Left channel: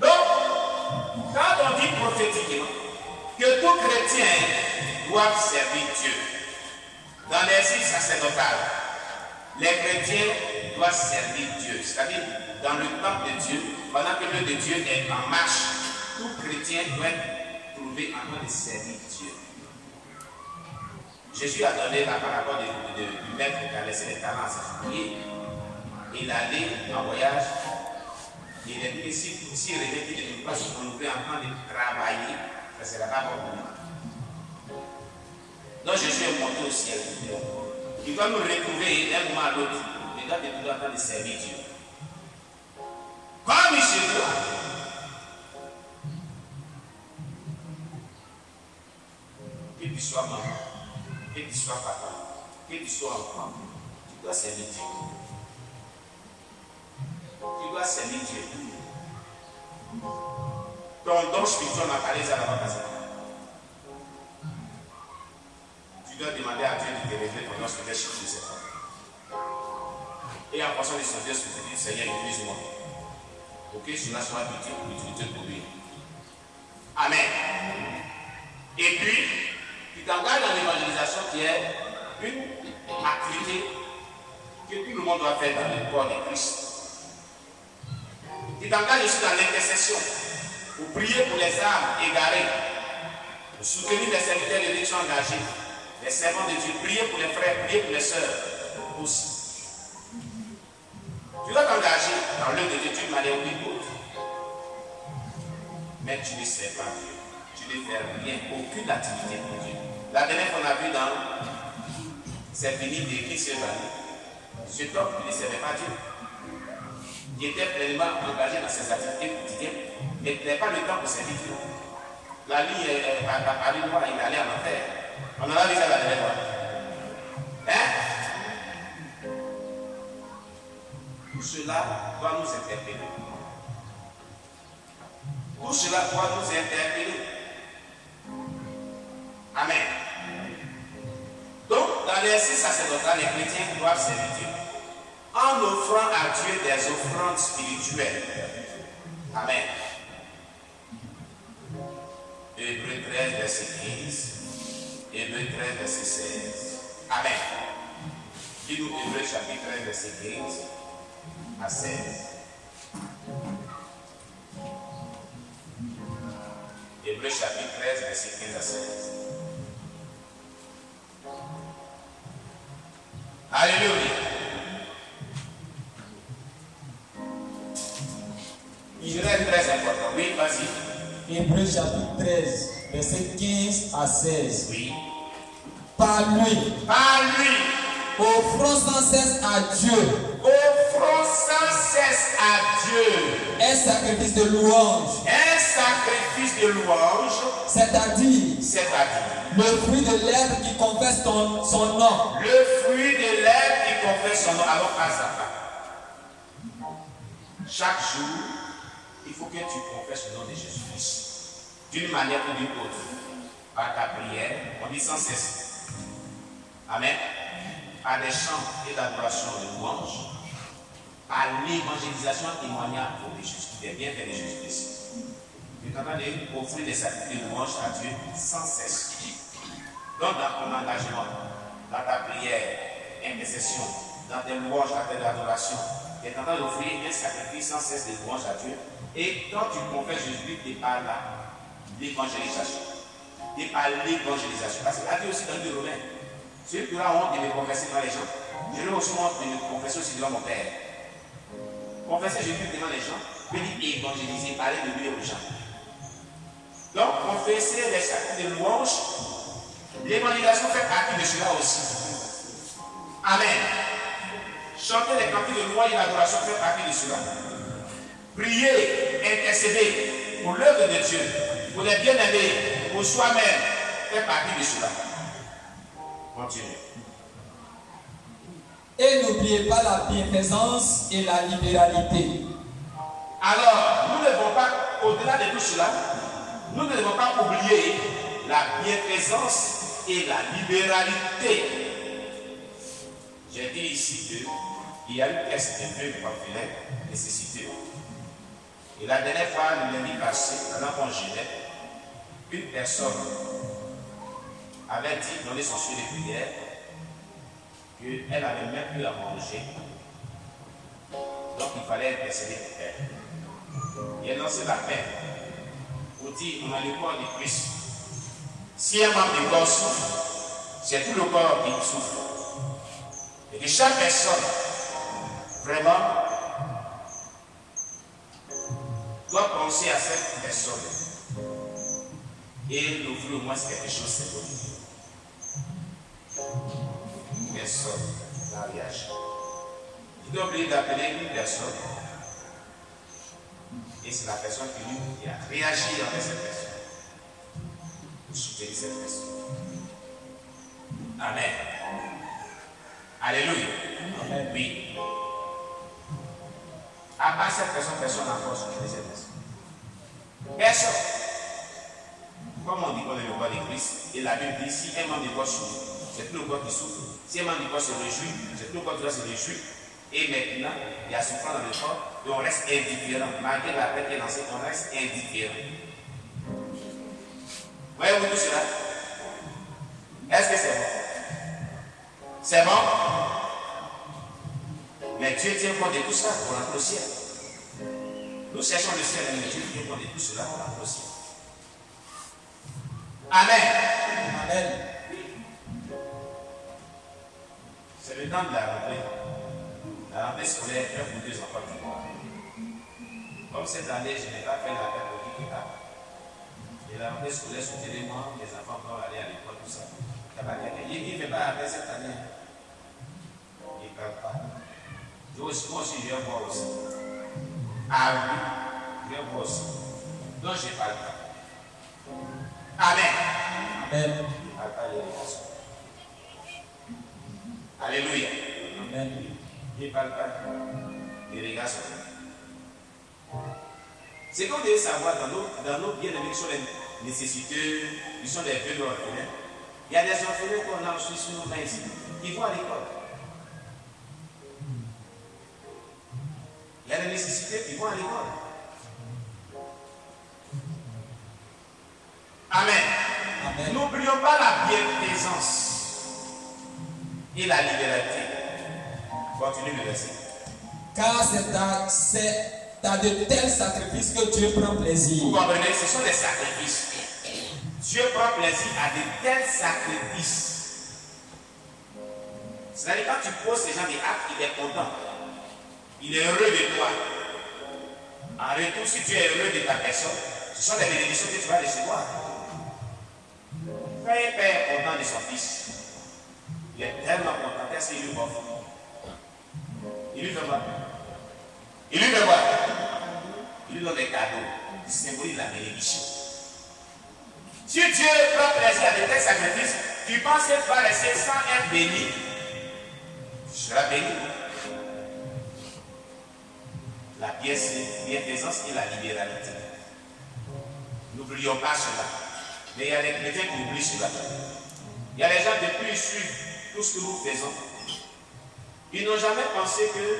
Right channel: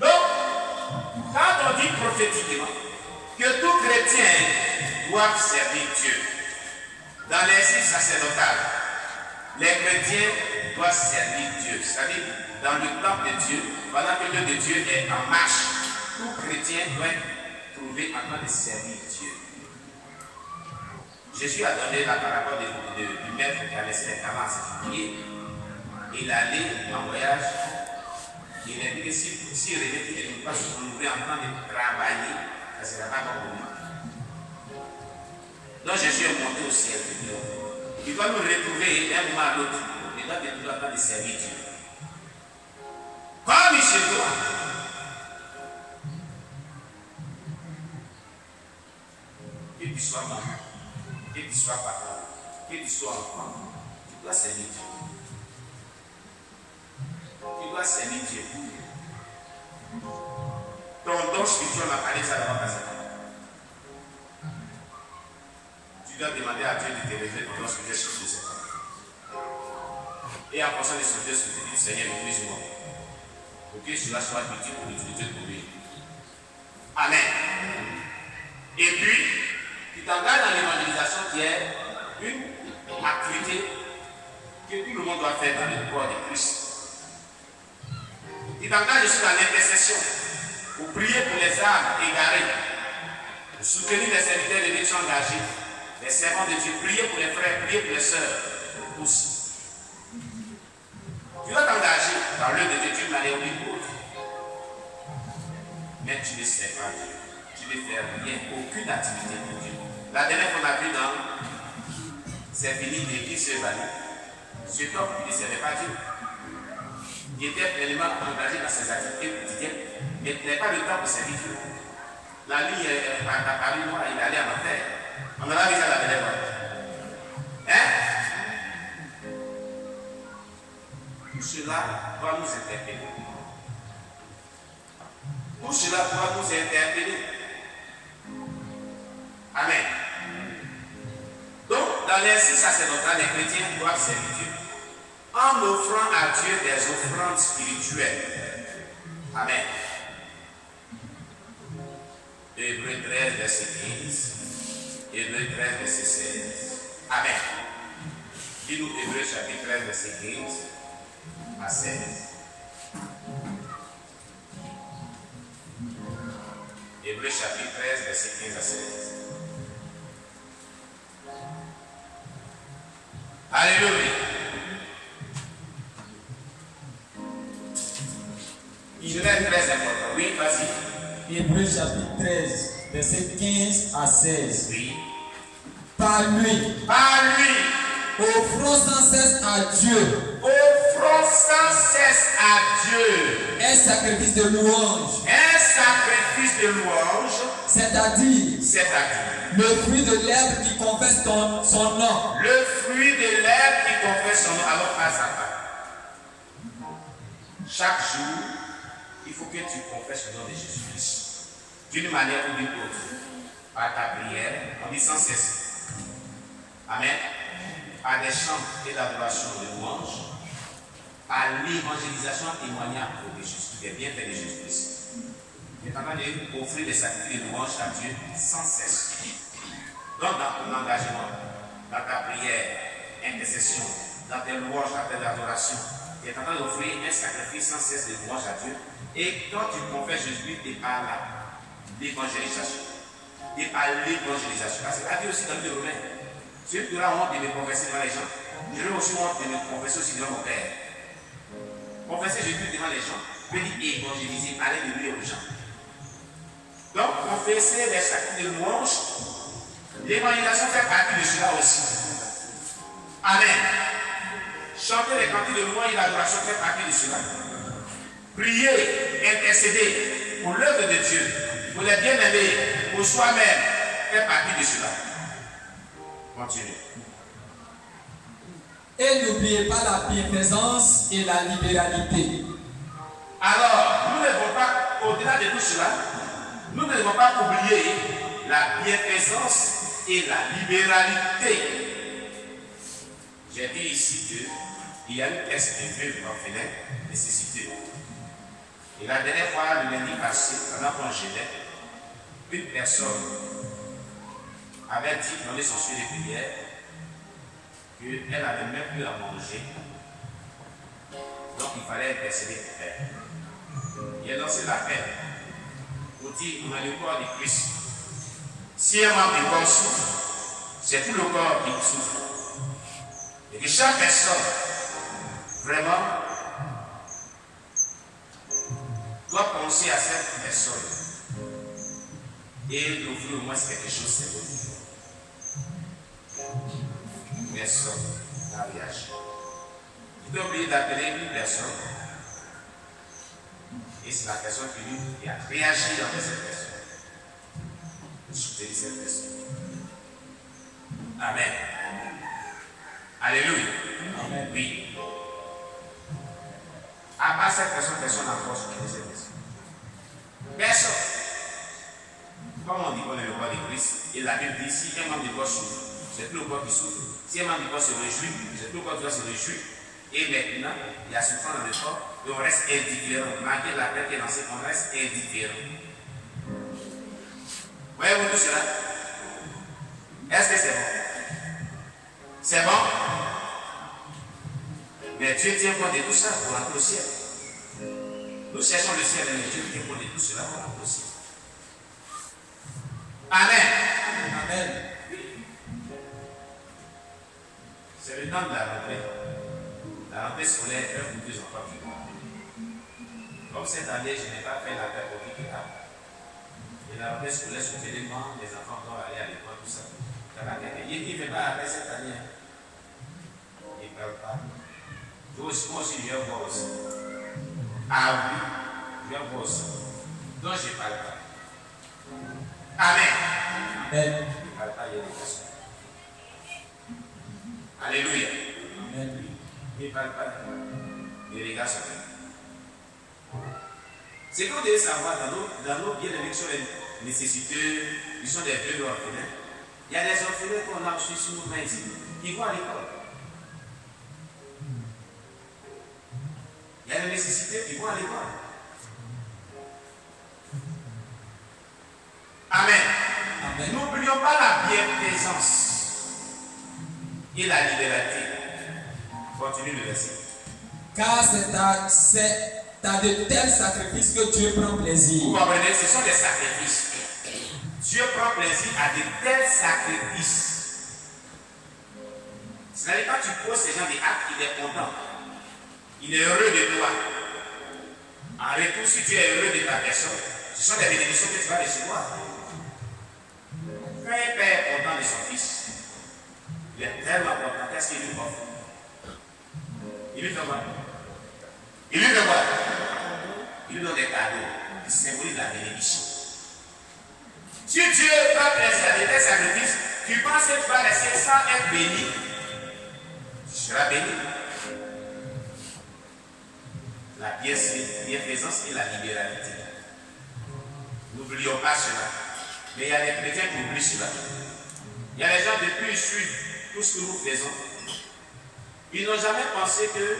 Donc, quand on dit prophétiquement que tout chrétien doit servir Dieu, dans l'exercice sacerdotal, les chrétiens doivent servir Dieu. C'est-à-dire, dans le temple de Dieu, pendant que l'œuvre de Dieu est en marche, tout chrétien doit trouver en train de servir Dieu. Jésus a donné la parabole du maître qui a laissé les talents à ses ouvriers. Il allait en voyage. Il a dit que s'il revenait, il ne peut pas se renouveler en train de travailler, ça ne sera pas bon pour moi. Donc Jésus est monté au ciel. Il doit nous retrouver d'un moment à l'autre. Il doit être toujours en train de servir Dieu. Comme chez toi. Que tu sois maman, que tu sois papa, que tu sois enfant, tu dois servir Dieu. Tu dois servir Dieu. Ton don spirituel m'a parlé ça dans la Tu dois demander à Dieu de te révéler ton don spirituel sur ce secteur. Et en fonction de son Dieu, du Seigneur, utilise-moi. Pour que cela soit utile pour l'utilité pour lui. Amen. Et puis, tu t'engages dans l'évangélisation qui est une activité que tout le monde doit faire dans le corps de Christ. Tu t'engages aussi dans l'intercession pour prier pour les âmes égarées, pour soutenir les serviteurs de Dieu qui sont engagés, les servants de Dieu, prier pour les frères, prier pour les sœurs aussi. Tu dois t'engager dans l'œuvre de Dieu d'une manière ou d'une autre. Mais tu ne sais pas Dieu. Tu ne fais rien, aucune activité pour Dieu. La dernière qu'on a vu dans ces bénis d'église Chevalier, cet homme qui ne servait pas Dieu. Il était pleinement engagé dans ses activités quotidiennes, mais il n'avait pas le temps pour servir Dieu. La ligne à Paris, il allait en enfer. On en a vu ça la dernière fois. Hein? Tout cela doit nous interpeller. Tout cela doit nous interpeller. Amen. Donc, dans l'exercice sacerdotal, les chrétiens doivent servir Dieu en offrant à Dieu des offrandes spirituelles. Amen. Hébreux 13, verset 15. Hébreux 13, verset 16. Amen. Dis-nous Hébreux chapitre 13, verset 15 à 16. Hébreux chapitre 13, verset 15 à 16. Alléluia. Il est très important. Oui, vas-y. Hébreux chapitre 13, verset 15 à 16. Oui. Par lui, offrons sans cesse à Dieu. Offrons sans cesse à Dieu Un sacrifice de louange. un sacrifice de louange, C'est-à-dire c'est-à-dire le fruit de l'herbe qui confesse son nom. le fruit de l'herbe qui confesse son nom. Alors, à sa part. Chaque jour, il faut que tu confesses le nom de Jésus-Christ. D'une manière ou d'une autre. À ta prière, on dit sans cesse. Amen. À des chants et d'adoration de louange. À l'évangélisation témoignant de Jésus, des bienfaits de Jésus-Christ. Tu es en train d'offrir des sacrifices de louange à Dieu sans cesse. Donc, dans ton engagement, dans ta prière, intercession, dans tes louanges, dans tes adorations, tu es en train d'offrir un sacrifice sans cesse de louange à Dieu. Et quand tu confesses Jésus, tu es par là, l'évangélisation. Et par l'évangélisation. Parce que la Dieu aussi dans le Romain, celui qui a honte de me confesser devant les gens, je vais aussi honte de me confesser aussi devant mon Père. Confesser Jésus devant les gens, veut dire évangéliser, parler de lui aux gens. Donc, confesser les sacrifices de louange, l'évangélisation fait partie de cela aussi. Amen. Chanter les cantiques de louange et l'adoration fait partie de cela. Prier, intercéder pour l'œuvre de Dieu, pour les bien-aimés, pour soi-même, fait partie de cela. Continue. Et n'oubliez pas la bienfaisance et la libéralité. Alors, nous ne devons pas, au-delà de tout cela, nous ne devons pas oublier la bienfaisance et la libéralité. J'ai dit ici que il y a une pièce de vœux de orphelin nécessité. Et la dernière fois, le lundi passé, pendant qu'on gênait, une personne avait dit, donné son sujet de prière, qu'elle n'avait même plus à manger. Donc il fallait intercéder pour elle. Il a lancé l'appel pour dire, on a le corps de Christ. Si un membre du corps souffre, c'est tout le corps qui souffre. Et que chaque personne, vraiment, doit penser à cette personne et l'ouvrir au moins quelque chose symbolique. Personne n'a réagi. Il doit oublier d'appeler une personne et c'est la personne qui a réagi envers cette personne pour soutenir cette personne. Amen. Alléluia. Amen. Oui. À part cette personne n'a pas soutenu cette personne. Personne. Comme on dit qu'on est le corps de Christ, et la Bible dit si un membre du corps souffre, c'est tout le corps qui souffre. Si un membre du corps se réjouit, c'est tout le corps qui doit se réjouir. Et maintenant, il y a souffrance dans le corps, et on reste indifférent. Malgré la paix qui est lancée, on reste indifférent. Voyez-vous tout cela? Est-ce que c'est bon? C'est bon? Mais Dieu tient compte de tout ça pour rentrer au ciel. Nous cherchons le ciel, mais Dieu tient compte de tout cela pour rentrer au ciel. Amen. Amen. C'est le temps de la rentrée. La rentrée scolaire, un ou deux enfants qui voient. Comme cette année, je n'ai pas fait la paix pour qui là. Et la rentrée scolaire, sur l'élément, les enfants vont aller à l'école, tout ça. Il ne fait pas après cette année. Il ne parle pas. Moi aussi, je viens voir aussi. Ah oui, je viens voir aussi. Donc, je ne parle pas. Amen. Amen. Je ne parle pas l'éducation. Alléluia. Amen. Je ne parle pas l'irrigation. C'est qu'on devait savoir dans nos bien-aimés qui sont les nécessiteux, qui sont des vieux orphelins. Il y a des orphelins qu'on a reçus sur nos mains ici, qui vont à l'école. Il y a des nécessités qui vont à l'école. Amen. Amen. N'oublions pas la bienfaisance et la libéralité. Continue le verset. Car c'est à de tels sacrifices que Dieu prend plaisir. Vous comprenez, ce sont des sacrifices. Dieu prend plaisir à de tels sacrifices. C'est-à-dire quand tu poses ces gens des actes, il est content. Il est heureux de toi. En retour, si tu es heureux de ta personne, ce sont des bénédictions que tu vas recevoir. Quand un père est content de son fils, il est tellement content, qu'est-ce qu'il lui offre? Il lui fait quoi? Il lui fait quoi? Il lui donne des cadeaux qui symbolisent la bénédiction. Si Dieu prend plaisir à de tels sacrifices, tu penses que tu vas rester sans être béni. Tu seras béni. La bienfaisance et la libéralité. N'oublions pas cela. Mais il y a des chrétiens qui oublient cela. Il y a des gens depuis ils suivent tout ce que nous faisons. Ils n'ont jamais pensé que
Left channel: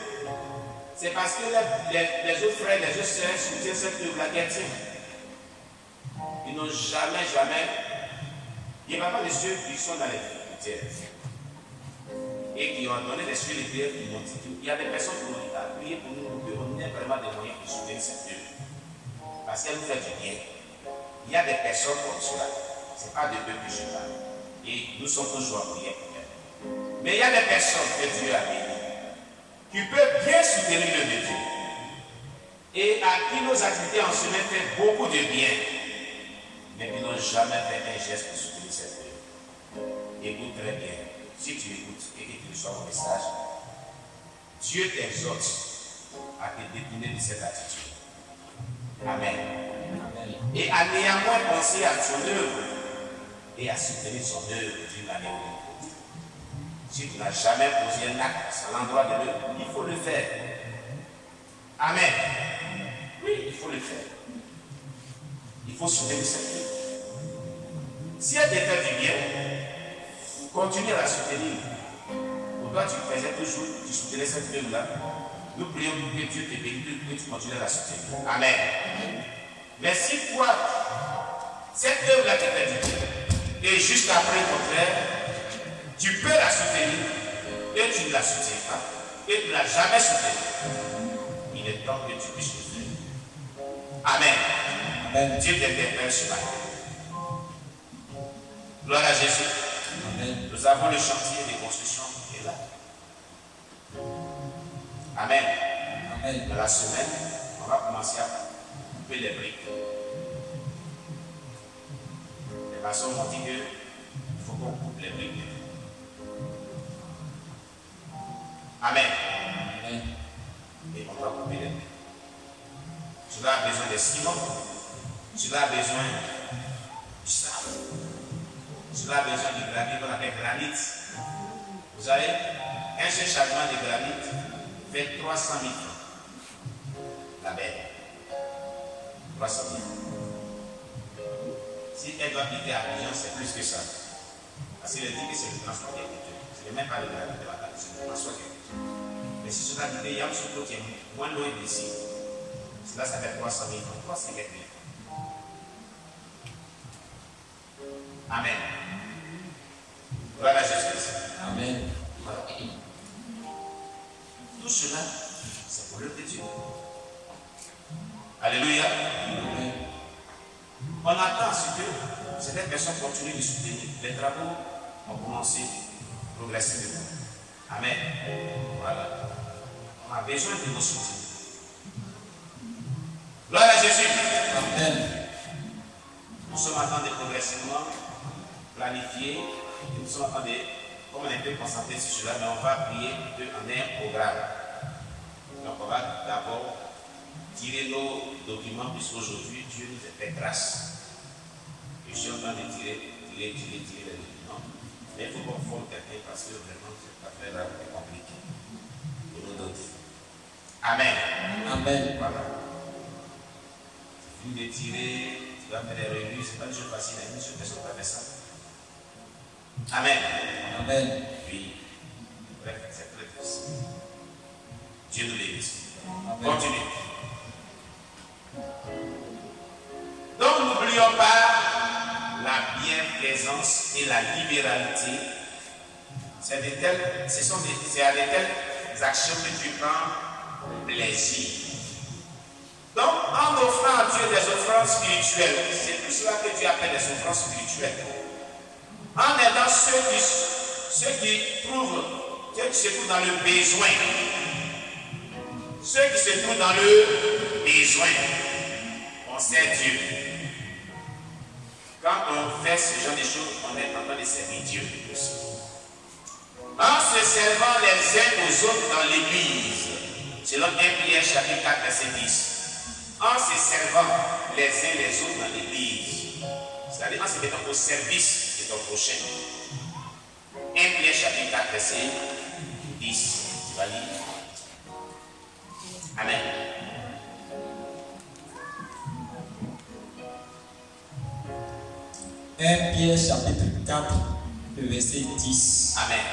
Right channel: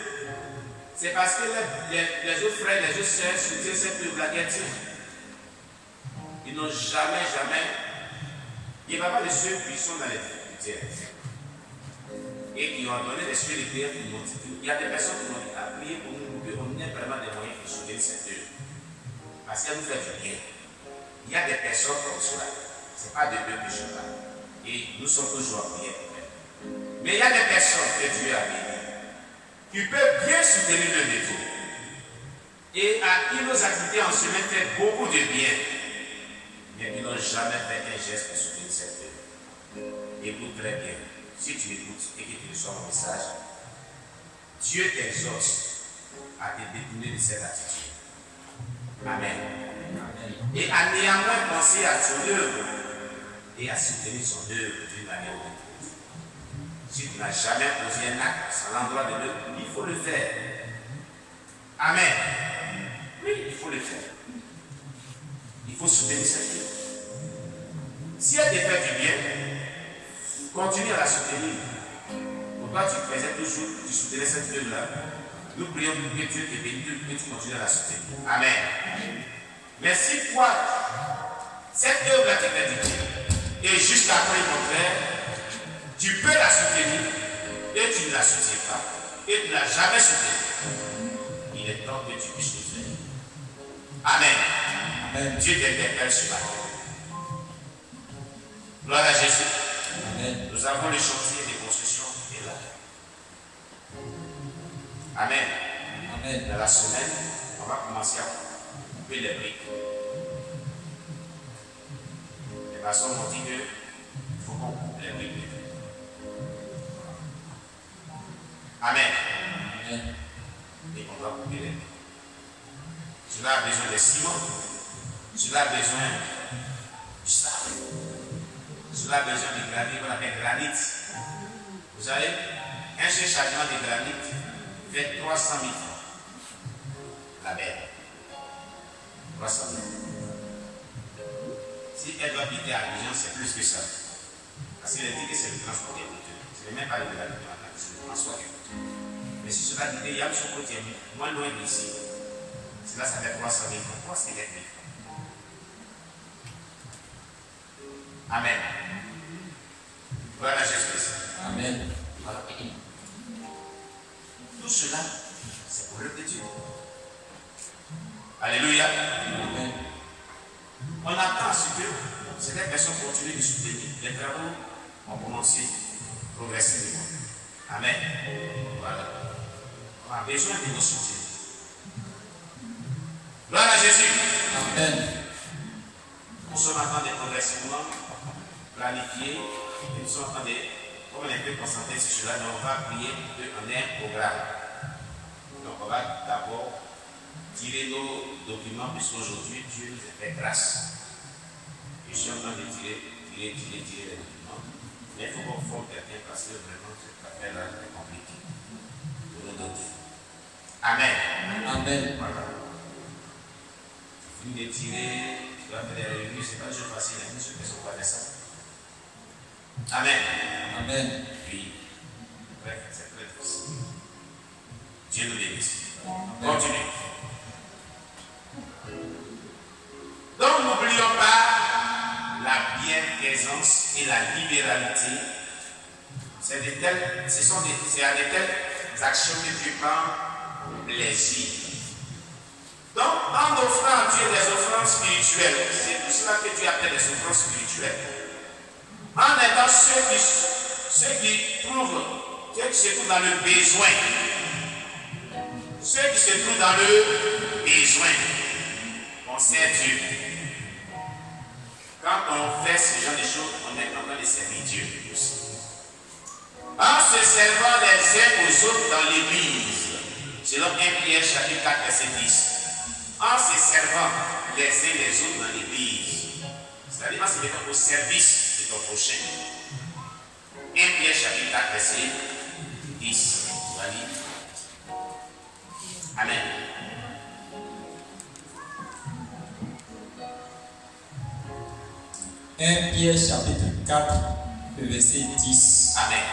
c'est parce que les autres frères, les autres sœurs soutiennent cette œuvre-là qu'elle tient. Ils n'ont jamais. Il n'y a pas de ceux qui sont dans les difficultés et qui ont donné des sujets de prière pour nous. Il y a des personnes qui m'ont dit à prier pour nous, on a vraiment des moyens pour soutenir cette œuvre. Parce qu'elle nous fait du bien. Il y a des personnes comme cela. Ce n'est pas de eux que je parle. Et nous sommes toujours en prière pour elles. Mais il y a des personnes que Dieu a bénies, qui peuvent bien soutenir le Dieu. Et à qui nos activités en semaine font beaucoup de bien. Mais qui n'ont jamais fait un geste pour soutenir cette œuvre. Écoute très bien. Si tu écoutes et que tu reçois mon message, Dieu t'exhorte à te détourner de cette attitude. Amen. Amen. Et à néanmoins penser à son œuvre et à soutenir son œuvre d'une manière ou d'une autre. Si tu n'as jamais posé un acte à l'endroit de l'œuvre, il faut le faire. Amen. Oui, il faut le faire. Il faut soutenir cette œuvre. Si elle te fait du bien, continue à la soutenir. Pour toi tu faisais toujours, tu soutenais cette œuvre-là. Nous prions pour que Dieu te bénisse, que tu continues à la soutenir. Amen. Mais si toi, cette œuvre-là t'est dictée, et jusqu'à après ton frère, tu peux la soutenir, et tu ne la soutiens pas, et tu ne l'as jamais soutenue, il est temps que tu puisses le faire. Amen. Amen. Dieu t'interpelle sur la terre. Gloire à Jésus. Amen. Nous avons le chantier de construction et là. Amen. Amen. Dans la semaine, on va commencer à couper les briques. Les maçons m'ont dit qu'il faut qu'on coupe les briques. Amen. Amen. Et on va couper les briques. Cela a besoin de ciment. Cela a besoin du sable. Cela a besoin de granit qu'on appelle granit. Vous savez, un seul chagrin de granit fait 300 000 francs. La belle. 300 000. Si elle doit quitter à Abidjan, c'est plus que ça. Parce qu'il dit que c'est le transport qui est coûteux. Ce n'est même pas le granit de la table, c'est le transport qui est coûteux. Mais si cela dit que Yam Soko est moins loin d'ici, cela ça fait 300 000 francs, 350 000 francs. Amen. Voilà Jésus. Amen. Voilà. Tout cela, c'est pour l'œuvre de Dieu. Alléluia. Amen. On attend ce que certaines personnes continuent de soutenir. Les travaux ont commencé progressivement. Amen. Voilà. On a besoin de nos soutiens. Gloire à Jésus. Amen. Nous sommes en train de progressivement planifier. Et nous sommes en train de, comme on est un peu concentré sur cela, mais on va prier qu'on ait un programme. Donc on va d'abord tirer nos documents, puisqu'aujourd'hui Dieu nous a fait grâce. Et je suis en train de tirer les documents. Mais il faut qu'on forme quelqu'un parce que vraiment cette affaire-là est compliquée pour nous donner. Amen. Amen. Voilà. Tu finis de tirer, tu vas faire des réunions, ce n'est pas toujours facile, il y a une seule personne qui va faire ça. Amen. Amen. Puis, bref, c'est très difficile. Dieu nous bénisse. Continue. Donc, n'oublions pas la bienfaisance et la libéralité. C'est à de telles actions que Dieu prend plaisir. Donc, en offrant à Dieu des offrandes spirituelles, c'est tout cela que Dieu appelle des offrandes spirituelles. En aidant ceux qui se trouvent dans le besoin. Ceux qui se trouvent dans le besoin. On sert Dieu. Quand on fait ce genre de choses, on est en train de servir Dieu aussi. En se servant les uns aux autres dans l'église, selon 1 Pierre chapitre 4 verset 10. En se servant les uns les autres dans l'église, c'est-à-dire en se mettant au service de ton prochain. 1 Pierre chapitre 4 verset 10. Tu vas lire. Amen. Pierre chapitre 4, le verset 10. Amen.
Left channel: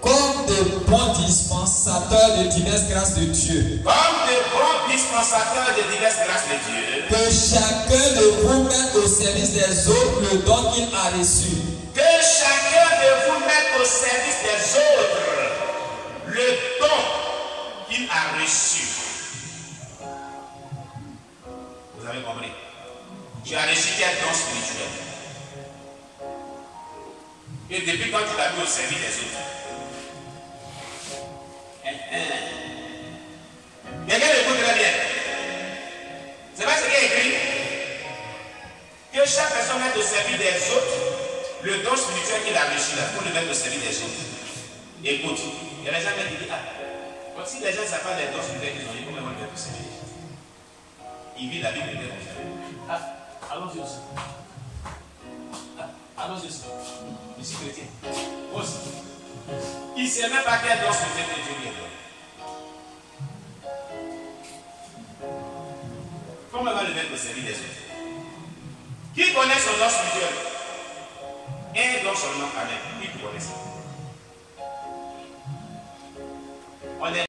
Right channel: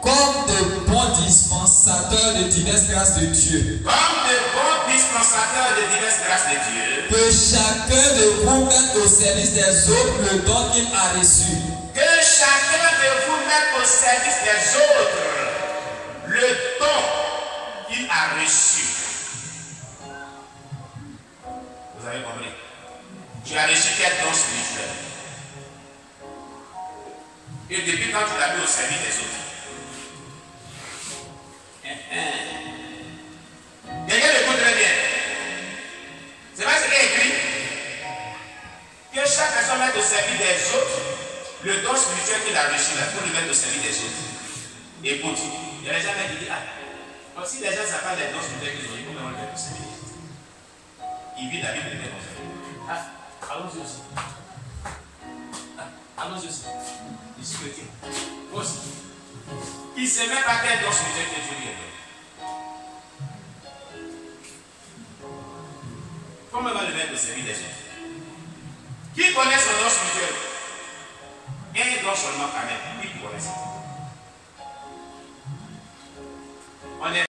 Comme de bons dispensateurs de diverses grâces de Dieu. Comme de bons dispensateurs de diverses grâces de Dieu. Que chacun de vous mette au service des autres le don qu'il a reçu. Que chacun de vous mette au service des autres le don qu'il a reçu. Vous avez compris? Tu as reçu quel don spirituel? Et depuis quand tu l'as mis au service des autres? Quelqu'un l'écoute très bien. C'est pas ce qui est écrit. Que chaque personne mette au service des autres le don spirituel qu'il a reçu là, pour le mettre au service des autres. Écoute, il y a des gens qui disent, donc si les gens ne savent pas les dons spirituels qu'ils ont eu, comment ils vont le mettre au service des autres? Ils vivent la vie de Dieu comme ça. Allons-y aussi. Allons-y aussi. Je suis chrétien. Moi aussi. Il ne sait même pas quel don spirituel que Dieu lui a donné. Comment va le mettre au service des autres? Qui connaît son don spirituel? Un don seulement, amen. Oui, connaissant.